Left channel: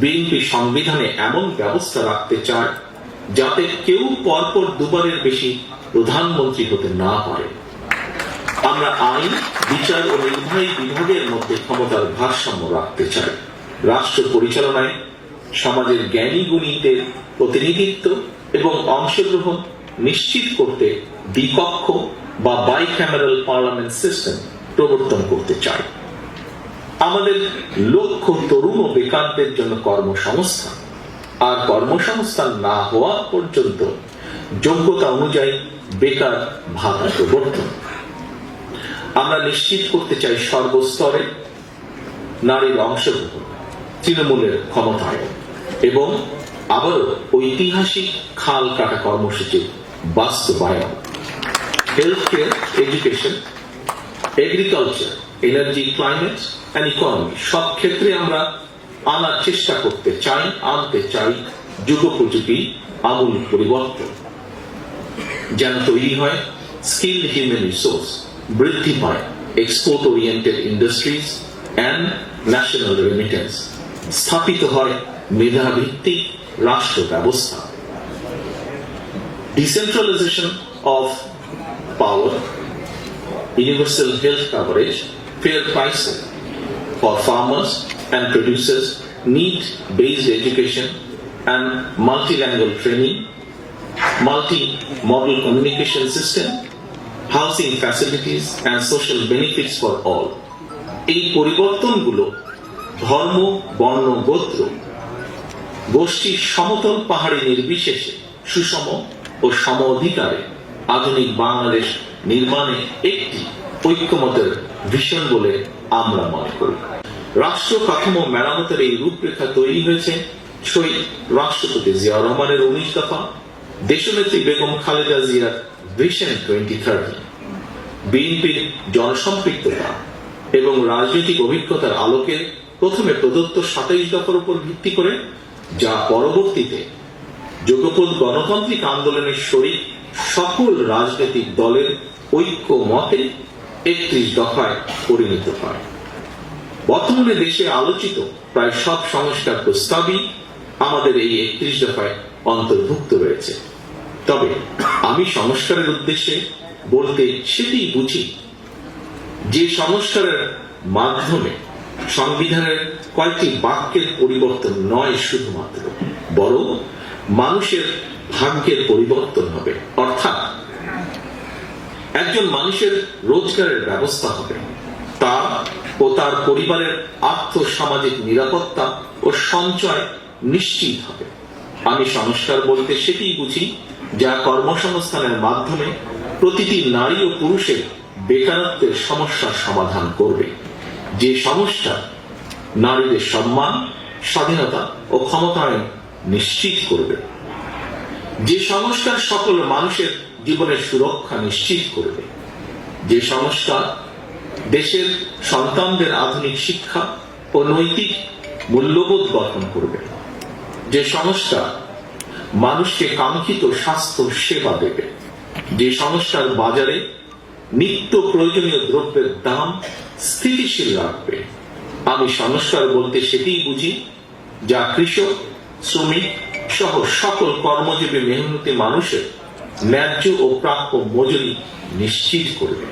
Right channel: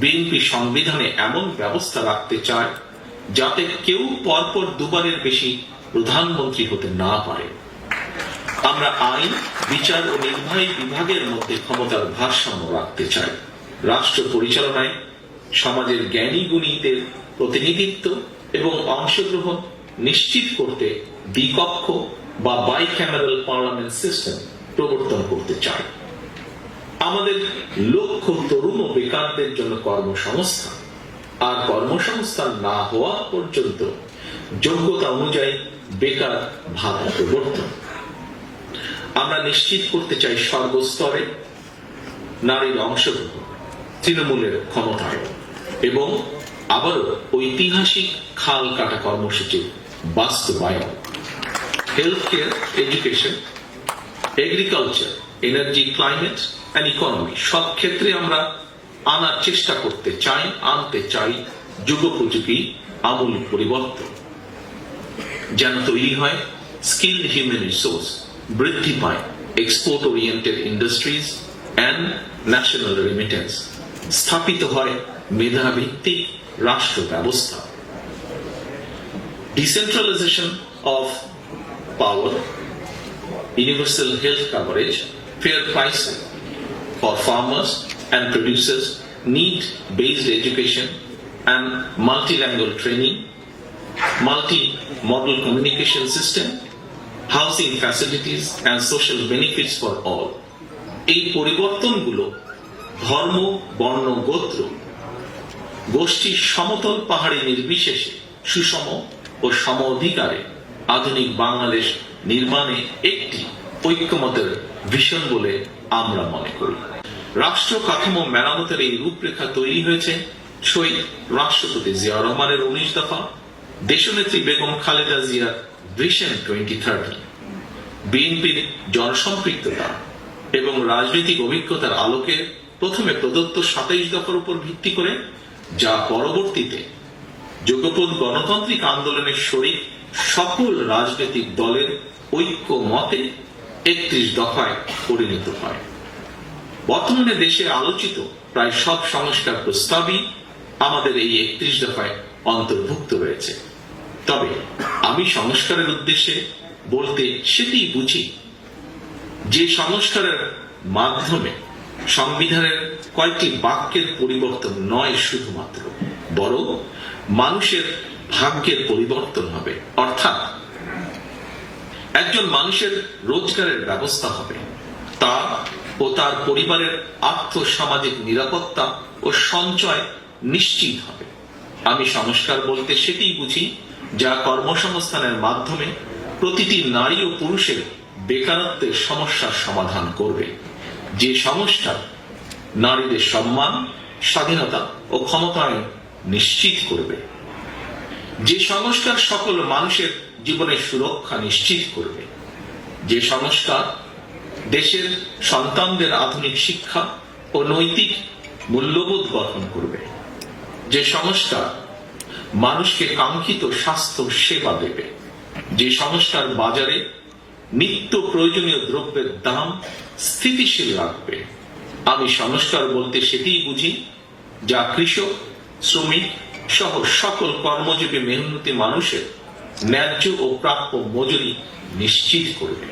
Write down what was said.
BNP সংবিধানে এমন ব্যবস্থা রাখতে চায় যাতে কেউ পরপর দুবারের বেশি প্রধানমন্ত্রী হতে না পারে। আমরা আইন, বিচার ও নির্বাহী বিভাগের মধ্যে ক্ষমতার ভারসাম্য রাখতে চাই। রাষ্ট্র পরিচালনায় সমাজের জ্ঞানী গুণীদের প্রতিনিধিত্ব এবং অংশগ্রহণ নিশ্চিত করতে দ্বিকক্ষ বা বাইক্যামেরাল পার্লামেন্ট সিস্টেম প্রবর্তন করতে চাই। আমাদের লক্ষ্য তরুণ ও বেকারদের জন্য কর্মসংস্থান, আর কর্মসংস্থান না হওয়া পর্যন্ত যোগ্যতা অনুযায়ী বেকার ভাতা প্রবর্তন। আমরা নিশ্চিত করতে চাই সর্বস্তরে নারীর অংশগ্রহণ, তৃণমূলের ক্ষমতায়ন এবং আবারও ঐতিহাসিক খাল কাটা কর্মসূচির বাস্তবায়ন। Health care, education, agriculture, energy, climate and economy সব ক্ষেত্রে আমরা আনতে চাই যুগোপযোগী আমূল পরিবর্তন, যেন তৈরি হয় স্কিল হিউম্যান রিসোর্স, বৃদ্ধি পায় export oriented industries and national remittance, স্থাপিত হয় মেধাভিত্তিক রাষ্ট্র ব্যবস্থা। Decentralisation of power, universal health coverage, fair pricing for farmers and producers, need-based education and multilingual training, multi-modal communication system, housing facilities and social benefits for all. এই পরিবর্তনগুলো ধর্ম, বর্ণ, গোত্র, গোষ্ঠীর সমতল পাহাড়ি নির্বিশেষে সুষম ও সম অধিকারে আধুনিক বাংলাদেশ নির্মাণে একটি ঐক্যমতের ভিশন বলে আমরা মনে করি। রাষ্ট্র কাঠামো মেরামতের এই রূপরেখা তৈরি হয়েছে শহীদ রাষ্ট্রপতি জিয়া রহমানের 19 দফা, দেশনেত্রী বেগম খালেদা জিয়ার ভিশন 2030, বিএনপির জনসম্পৃক্ততা এবং রাজনৈতিক অভিজ্ঞতার আলোকে প্রথমে প্রদত্ত 27 দফার উপর ভিত্তি করে, যা পরবর্তীতে যুগপৎ গণতান্ত্রিক আন্দোলনের শরিক সকল রাজনৈতিক দলের ঐক্য মতে 31 দফায় পরিণত হয়। বর্তমানে দেশের আলোচিত প্রায় সব সংস্কার প্রস্তাবই আমাদের এই 31 দফায় অন্তর্ভুক্ত রয়েছে। তবে আমি সংস্কারের উদ্দেশ্যে বলতে সেটি বুঝি যে সংস্কারের মাধ্যমে সংবিধানের কয়েকটি বাক্যের পরিবর্তন নয় শুধুমাত্র, বরং মানুষের ভাগ্যের পরিবর্তন হবে। অর্থাৎ একজন মানুষের রোজগারের ব্যবস্থা হবে, তার ও তার পরিবারের আর্থ সামাজিক নিরাপত্তা ও সঞ্চয় নিশ্চিত হবে। আমি সংস্কার বলতে সেটি বুঝি যা কর্মসংস্থানের মাধ্যমে প্রতিটি নারী ও পুরুষের বেকারত্বের সমস্যার সমাধান করবে, যে সংস্কার নারীদের সম্মান, স্বাধীনতা ও ক্ষমতায়ন নিশ্চিত করবে, যে সংস্কার সকল মানুষের জীবনের সুরক্ষা নিশ্চিত করবে, যে সংস্কার দেশের সন্তানদের আধুনিক শিক্ষা ও নৈতিক মূল্যবোধ গঠন করবে, যে সংস্কার মানুষকে কাঙ্ক্ষিত স্বাস্থ্য সেবা দেবে, যে সংস্কার বাজারে নিত্য প্রয়োজনীয় দ্রব্যের দাম স্থিতিশীল রাখবে। আমি সংস্কার বলতে সেটিই বুঝি যা কৃষক, শ্রমিক সহ সকল কর্মজীবী মেহনতি মানুষের ন্যায্য ও প্রাপ্য মজুরি নিশ্চিত করবে।